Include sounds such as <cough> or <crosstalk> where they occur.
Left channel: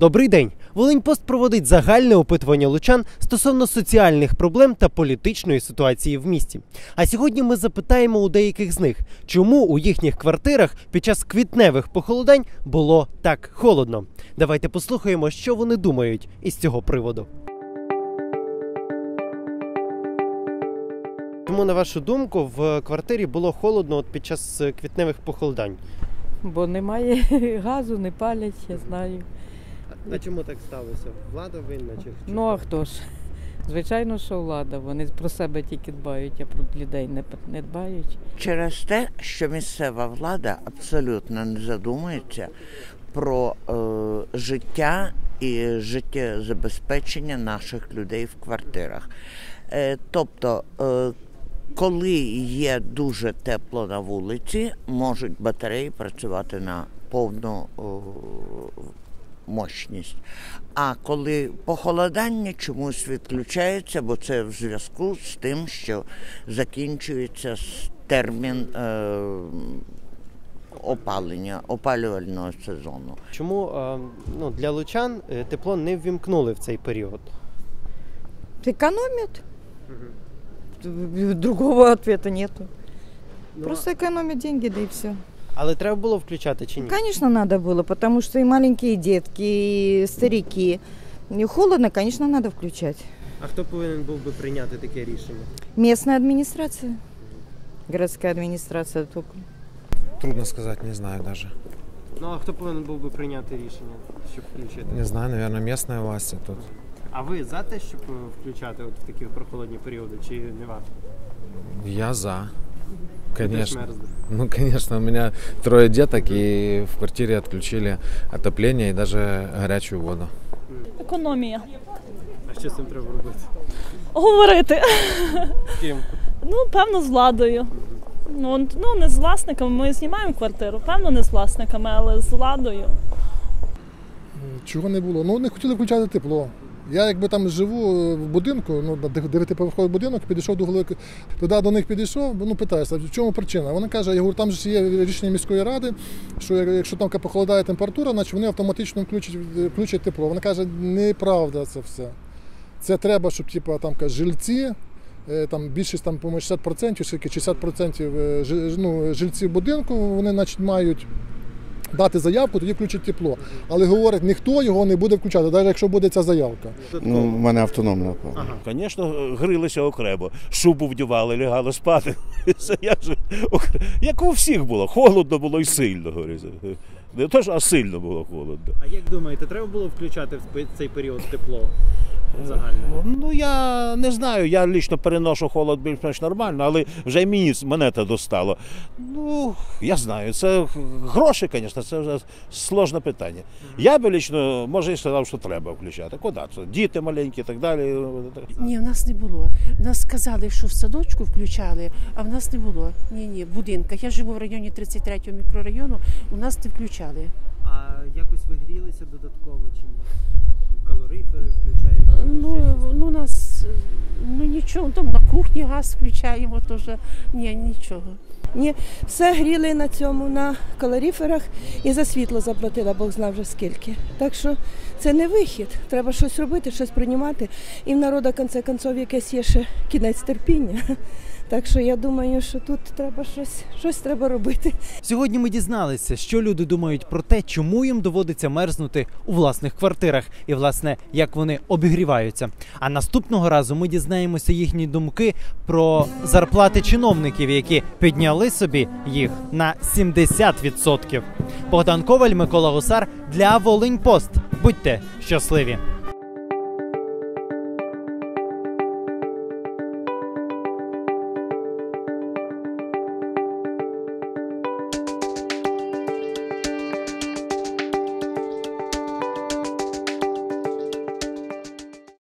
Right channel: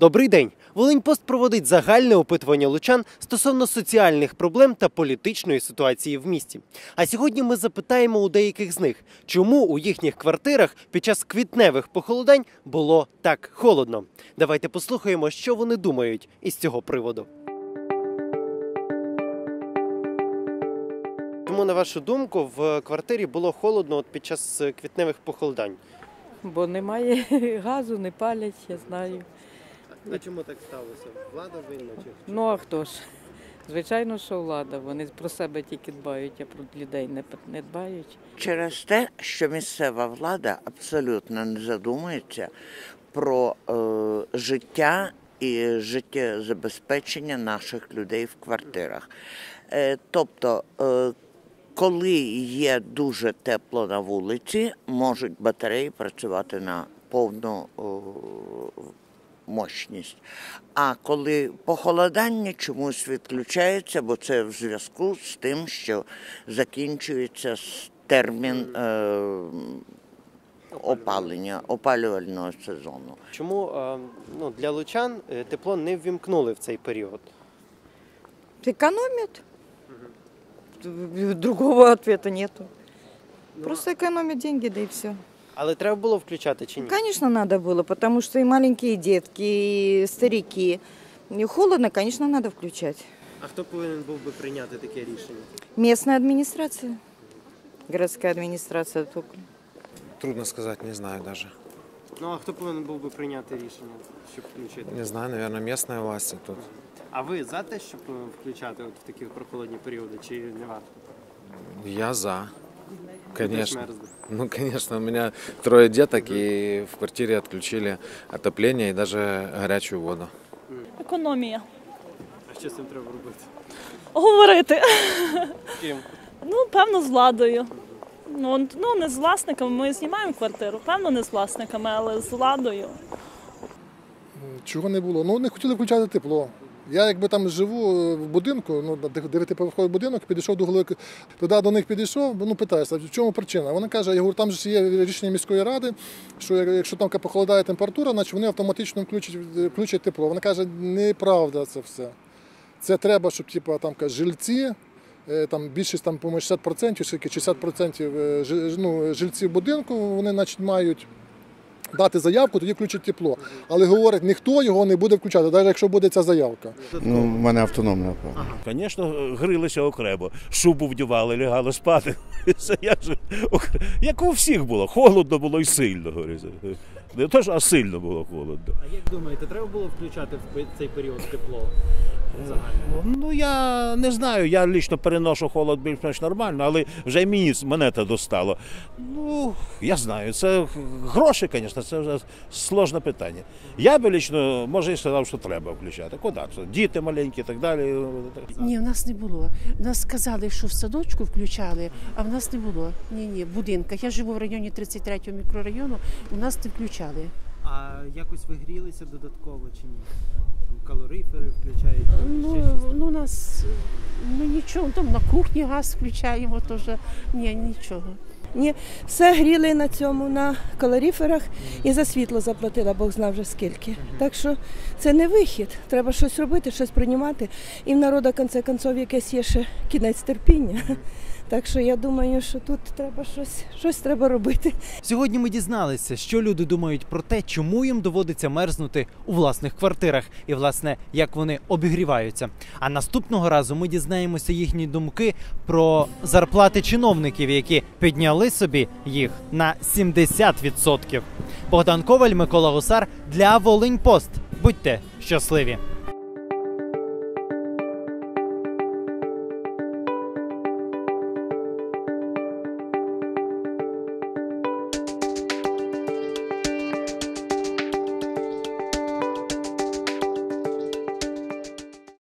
Добрий день. Волиньпост проводить загальне опитування лучан стосовно соціальних проблем та політичної ситуації в місті. А сьогодні ми запитаємо у деяких з них, чому у їхніх квартирах під час квітневих похолодань було так холодно. Давайте послухаємо, що вони думають із цього приводу. Чому, на вашу думку, в квартирі було холодно от під час е, квітневих похолодань? Бо немає <laughs> газу, не палять, я знаю. А чому так сталося? Влада винна чи Ну а хто ж? Звичайно, що влада. Вони про себе тільки дбають, а про людей не, не дбають. Через те, що місцева влада абсолютно не задумується про е, життя і життєзабезпечення наших людей в квартирах. Е, тобто, е, коли є дуже тепло на вулиці, можуть батареї працювати на повну е, мощність. А коли похолодання чомусь відключається, бо це в зв'язку з тим, що закінчується термін е, опалення, опалювального сезону. Чому е, ну, для лучан е, тепло не ввімкнули в цей період? Экономят. Другого <laughs> ответа нету. Просто экономят деньги, да и все. Але треба було включати чи ні? Конечно, надо было, потому что и маленькие детки, и старики. И холодно, конечно, надо включать. А хто повинен був би прийняти таке рішення? Местная администрация, городская администрация только. Трудно сказать, не знаю даже. Ну а хто повинен був би прийняти рішення, щоб включити? Не знаю, наверное, местные власти тут. А ви за те, щоб е, включати от в такі прохолодні періоди, чи не варто? Я за. Конечно. Ну, конечно, у меня трое деток, и в квартире отключили отопление и даже горячую воду. Економія. А що з цим треба робити? Говорити. З ким? Ну, певно, з владою. Ну, ну, не з власниками, ми знімаємо квартиру. Певно, не з власниками, але з владою. Чого не було? Ну, не хотіли включати тепло. Я якби там живу е, в будинку, ну, дев'ятиповерховий будинок, підійшов до голови, туди до них підійшов, ну питаюся, в чому причина? Вона каже, я говорю, там же є рішення міської ради, що якщо там похолодає температура, значить вони автоматично включать, включать тепло. Вона каже, неправда це все. Це треба, щоб типу, там каже, жильці. е, Там більшість там, по-моєму, 60%, скільки 60% е, ну, жильців будинку вони значить, мають дати заявку, тоді включать тепло. Але говорить, ніхто його не буде включати, навіть якщо буде ця заявка. Ну, в мене автономна. Звісно, грилися окремо, шубу вдівали, лягали спати. <laughs> Це як, у всіх було, холодно було і сильно. говориться. Не то, що, а сильно було холодно. А як думаєте, треба було включати в цей період тепло? Загально. Ну я не знаю, я лічно переношу холод більш-менш нормально, але вже й мені мене це достало. Ну, я знаю, це гроші, звісно, це вже сложне питання. Я би лічно, може, і сказав, що треба включати. Куди це? Діти маленькі і так далі. Ні, в нас не було. В нас сказали, що в садочку включали, а в нас не було. Ні, ні, в будинках. Я живу в районі 33-го мікрорайону, у нас не включали. А якось ви грілися додатково чи ні? Калорифери включають? Ну, ну у нас ну нічого, там на кухні газ включаємо теж. Ні, нічого. Ні, все гріли на цьому, на калоріферах і за світло заплатила, Бог знав вже скільки. Так що це не вихід. Треба щось робити, щось приймати. І в народу, конце концов, якесь є ще кінець терпіння. Так що я думаю, що тут треба щось, щось треба робити. Сьогодні ми дізналися, що люди думають про те, чому їм доводиться мерзнути у власних квартирах, і власне як вони обігріваються. А наступного разу ми дізнаємося їхні думки про зарплати чиновників, які підняли собі їх на 70%. Богдан Коваль, Микола Гусар для Волинь Пост. Будьте щасливі!